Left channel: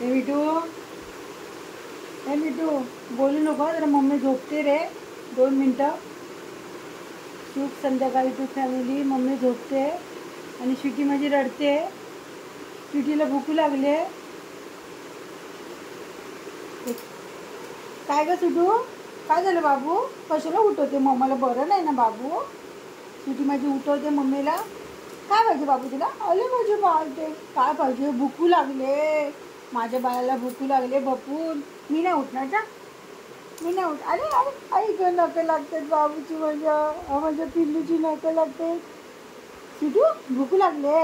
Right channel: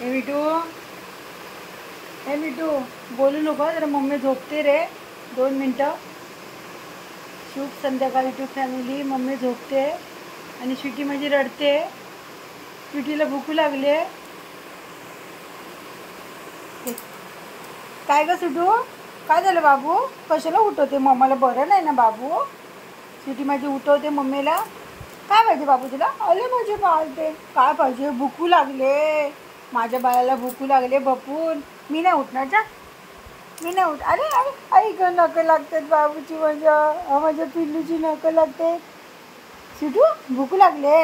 हे मिठू, हे मिठू, बोलू नको जरा. मम्मी झोपते रे. 2 मिनटं. शुभ संध्याकाळ यूट्यूब फॅमिली. मम्मी झोपते आणि स्वीटी माझी रडते. स्वीटीला भूक लागले. काय ग सुटू, काय झालं बाबू? कशाला उठवते मम्माला? बरं नाही ना बाबू? स्वीटी माझी उठवते मम्मीला. काय पाहिजे बाबू तुला? अरे माझे बाळ ते काय पाहिजे? भूकू लागले. माझ्या बाळाला भूकू लागले बपून. मी नाही उठणार जा. मी नाही उठ. अरे अरे आई ग, नकं लागतात बाबूची. माझ्या पिल्लूची नकं लागते. सुटू भूक लागले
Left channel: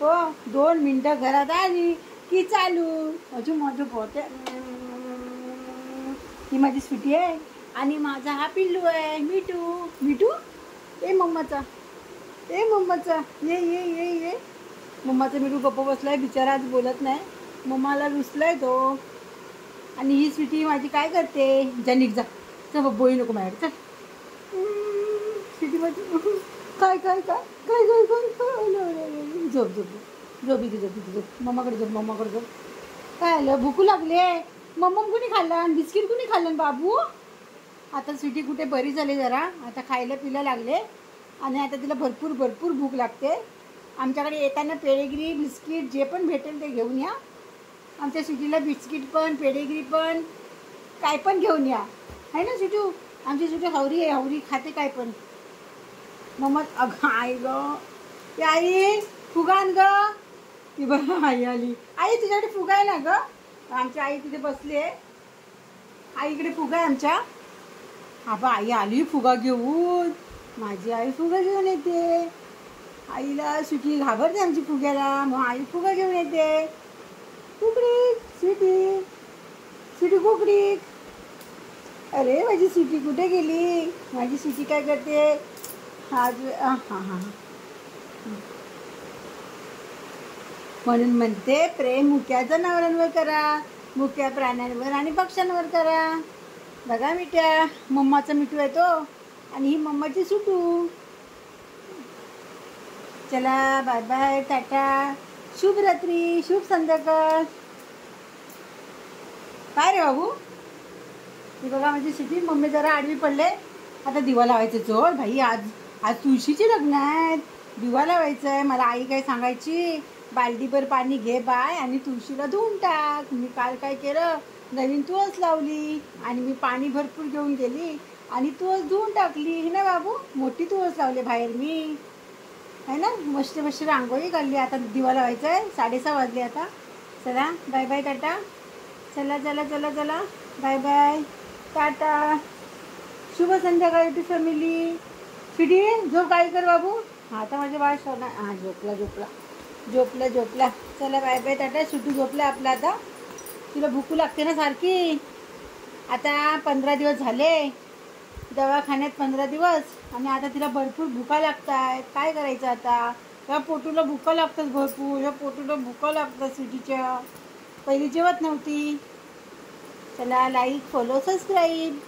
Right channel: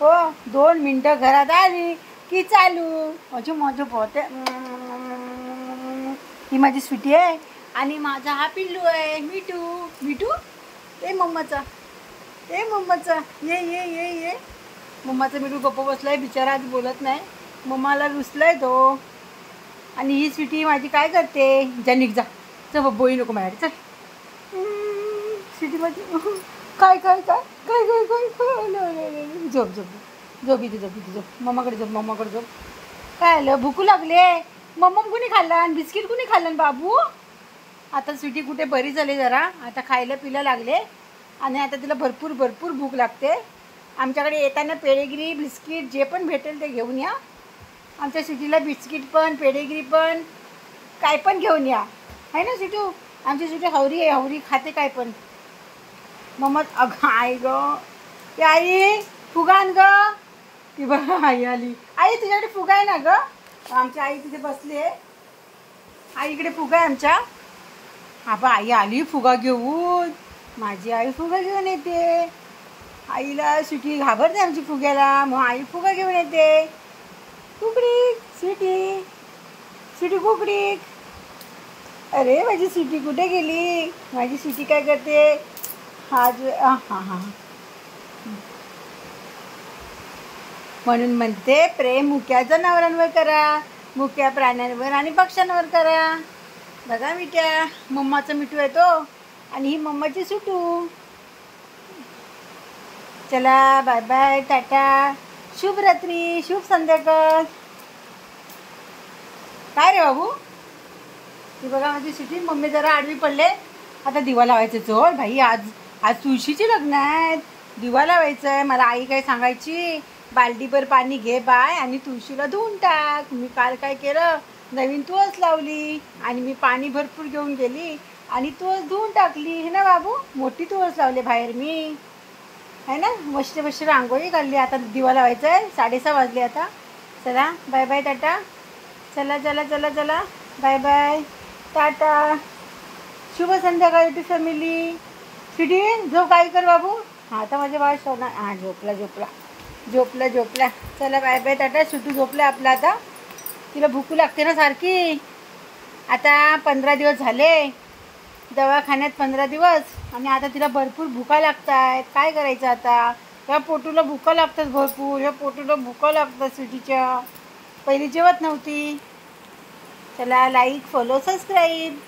हो. 2 मिनटं घरात आली की चालू माझं पोते. ही माझी स्वीटी आहे आणि माझा हा पिल्लू आहे मिठू. मिठू ए मम्माचा, ए मम्माचा, ये ये ये ये. मम्माचा मिठू गप्प बसलाय बिचारा, आज बोलत नाही. मम्माला रुसलाय तो. आणि ही स्वीटी माझी काय करते? जा निघ जा. चल बोई नको माझ्याकडे. चल स्वीटी माझी. काय काय काय काय काय काय. झोप झोप झोप इथे, झोप इथे, झोप. मम्माकडे झोप, मम्माकडे झोप. काय आलं? भूकू लागले. मम्मा कुणी खाल्लं आणि बिस्किट कुणी खाल्लं बाबू? आता स्वीटी कुठे बरी झाली जरा. आता खायला पिला लागले आणि आता तिला भरपूर भरपूर भूक लागते. आमच्याकडे येताना पेडेगिरी बिस्किट जे पण भेटेल ते घेऊन या. आमच्या स्वीटीला बिस्किट पण पेडेगिरी पण काय पण घेऊन या. आहे ना स्वीटू? आमची स्वीटी हवरी आहे, हवरी खाते काय पण. मम्मा अगं आई ग, ती आई फुगा आण ग. ती बघ आई आली. आई तुझ्याकडे फुगा आहे ना ग? आमची आई तिथे बसली आहे. आईकडे फुगा आहे आमच्या. हा बा आई आली फुगा घेऊन. माझी आई फुगा घेऊन येते. आईला स्वीटी घाबरते आमची फुग्याला, मग आई फुगा घेऊन येते. कुकडीक स्वीटी, स्वीटी कुकडीक. अरे माझी स्वीटी कुठे गेली? माझी स्वीटी काय करते? हा हां हां. म्हणून म्हणते प्रेम मुक्या जनावरांवर करा, मुक्या प्राण्यांवर आणि पक्ष्यांवर करा. बघा मिठ्या, मम्माचा मिठू आहे तो आणि ही मम्माची सुटू. चला बाय बाय, टाटा, शुभ रात्री, शुभ संध्याकाळ. काय रे बाबू? ती बघा माझी सुटी. मम्मी जरा आडवी पडले. आता दिवा लावायचं. चोर भाई, आज आज तुळशीचे लग्न आहेत. दिवा लावायचं आहे. मला आई काय सांगायची, बाल्टीभर पाणी घे बाय आणि तुळशीला धुवून टाक. मी काल काय केलं, नवीन तुळस लावली आणि मी पाणी भरपूर घेऊन गेली आणि तुळस धुवून टाकली. हे ना बाबू, मोठी तुळस लावली बाहेर मी. आहे ना, मस्त मस्त रांगोळी काढली. आता दिवा लावायचं आहे. 6:30 वाजले आता. चला बाय बाय, टाटा. चला चला चला चला, बाय बाय, टाटा, शुभ संध्याकाळ यूट्यूब फॅमिली. स्वीटी झोप. काय कर बाबू? हा आता माझ्या बाळ सोना. हां झोपला झोपला झोपला झोपला. चला बाय बाय, टाटा. सुटू झोपला आपला. आता तिला भूक लागते ना सारखी. आता 15 दिवस झाले दवाखान्यात, 15 दिवस. आणि आता तिला भरपूर भुका लागत आहेत. काय करायचं आता? या पोटूला भुका लागतात भरपूर. या पोटूला भुका लागतात स्वीटीच्या. पहिली जेवत नव्हती. चला लाईक, फॉलो, सबस्क्राईब.